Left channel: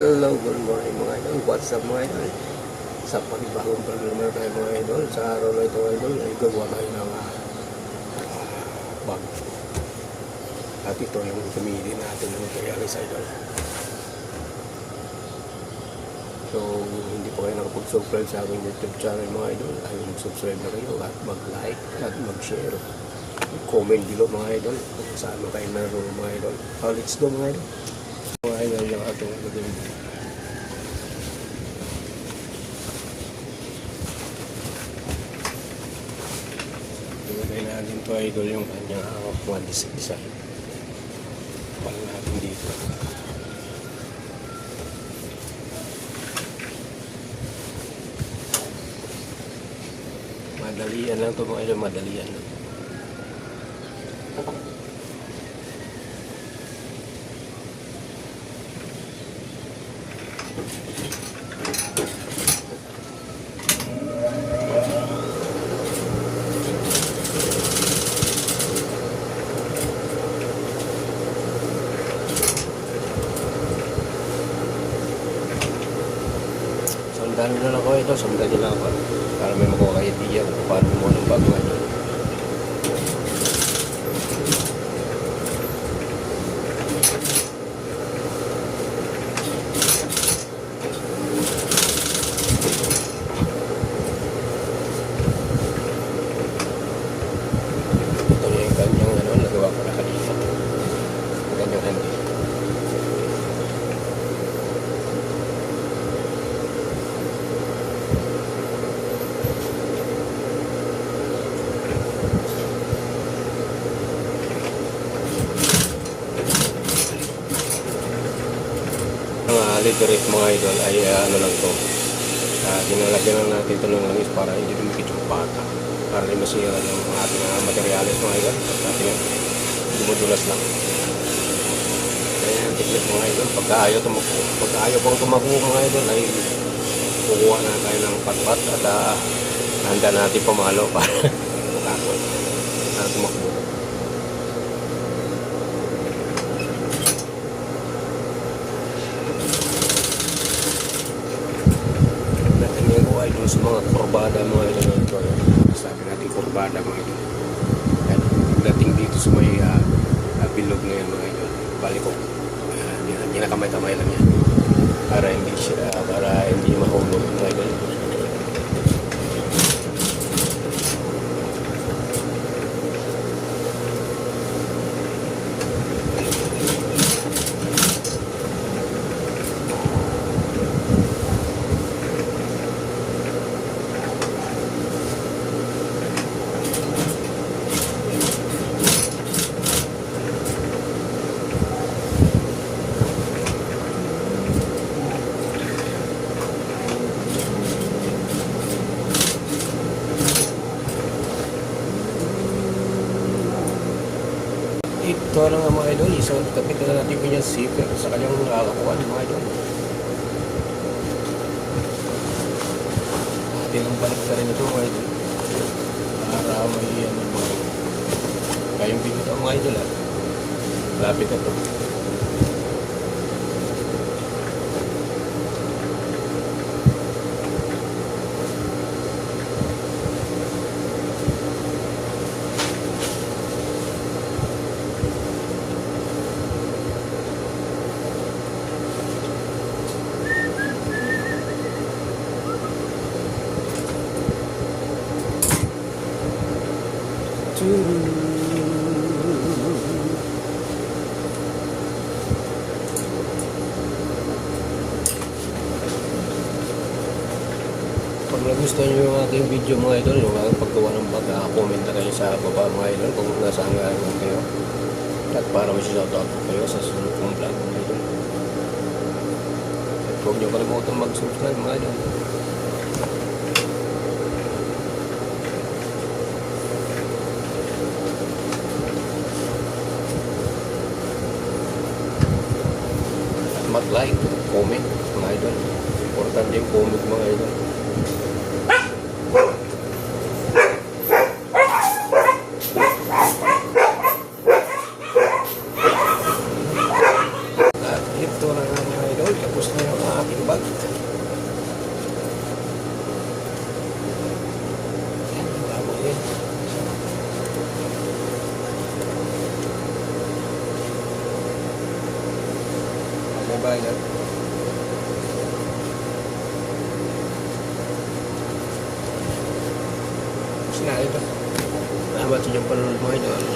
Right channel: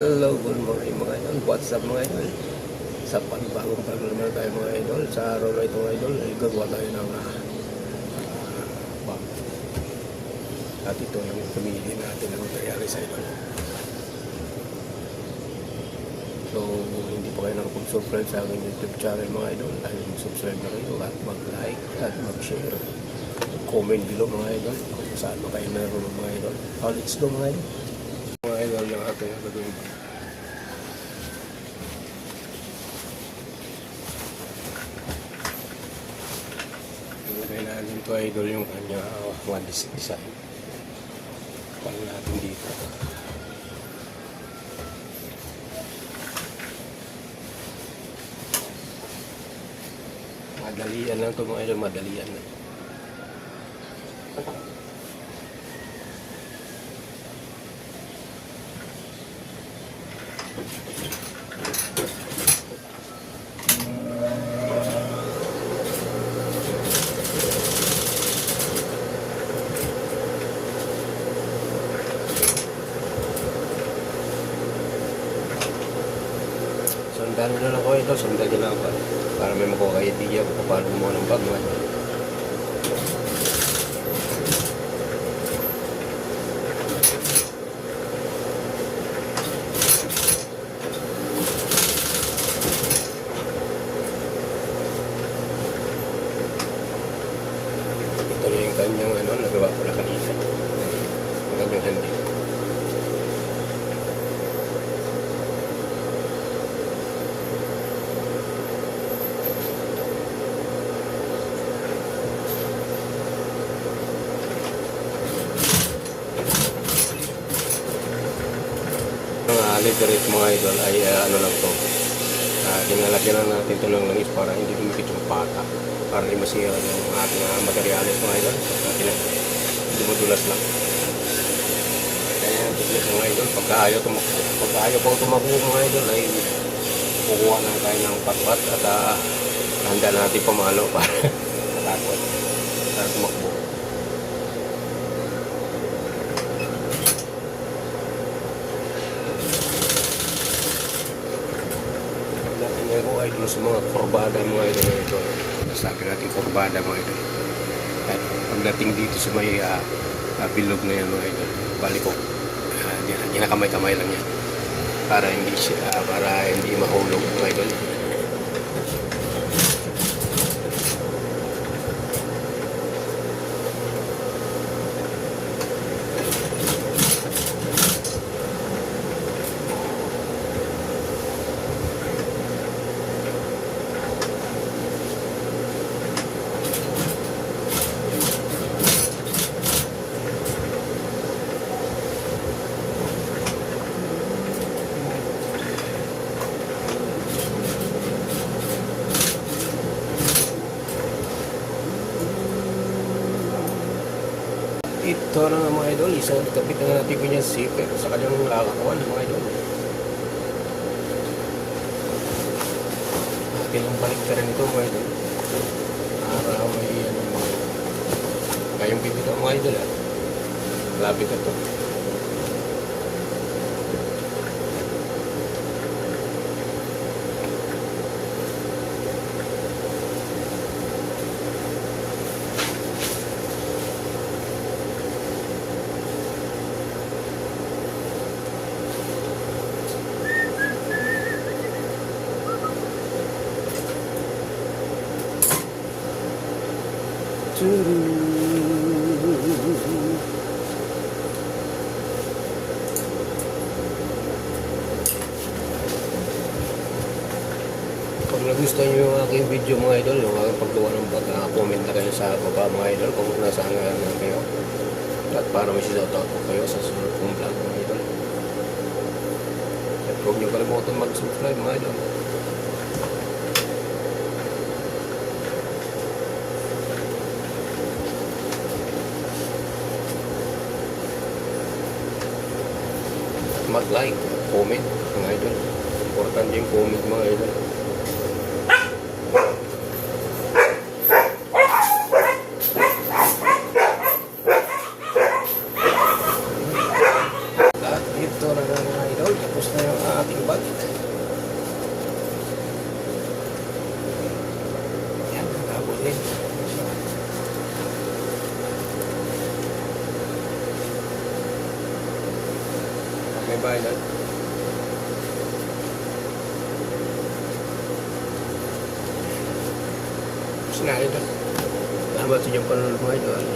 Hello, good morning mga idol. What's up mga idol? Sa panibagong vlog na tayo mga idol. Sa araw na ito mga idol, ay gagawa tayo ng bag. At ito yung pumili natin ng materialis idol. So, hindi po kayo nakapag-subscribe sa aking YouTube channel mga idol. Dahil subscribe na kayo at mag-like at mag-share. Comment below mga idol. Saan mo kayo naroon mga idol. Let's go mga idol. Mga idol yung ating gagawin. Idol yung kanya mga disisa. Huwag natin dito. Madalian lang ito mga idol, madalian. Sandali na lang ako ito, sandali na ako para meron ko idea kung paano mo ng Batman. Ito yung kanyang nagawa ko na kanina. Kanyang handle. Dito rin mga idol ay ano lang ito, dinalagyan lang natin ito ng langis para hindi dumikit yung pata, para hindi masira yung ating mga materialis mga idol. Hindi madulas lang. Kaya yung technique mga idol, pagka ayaw pang tumabuo mga idol ay kukuha na tayo ng patpat at handa natin pamalo para takot sa tumakbo. Sa mga kurbada mga ito, sabi natin kurbada mga ito. At pagdating dito sa may bilog na yan mga ito, balikok, ginakamay-kamay lang yan para hindi mahulog mga ito. Ito na nga mga idol, isang kapit na natin kanyang secret sa kanyang nakakakuha ng mga idol. Natin balik na rin ito mga idol. Marami yan mga idol. Ngayong bigit ang mga idol lapit na ito. Kung nagustuhan nyo yung aking video mga idol, yung aking paggawa ng vlog, comment na kayo sa baba mga idol kung nasaan nga kayo at para may shoutout po kayo sa sunod kong vlog mga idol. Huwag nyo kalimutan mag-subscribe mga idol. Mag-like, comment mga idol. Importante yung comment mga idol. At ito na mga idol. Tapos na yung ba idol? Tapos na idol. Salamat sa inyong panonood mga idol.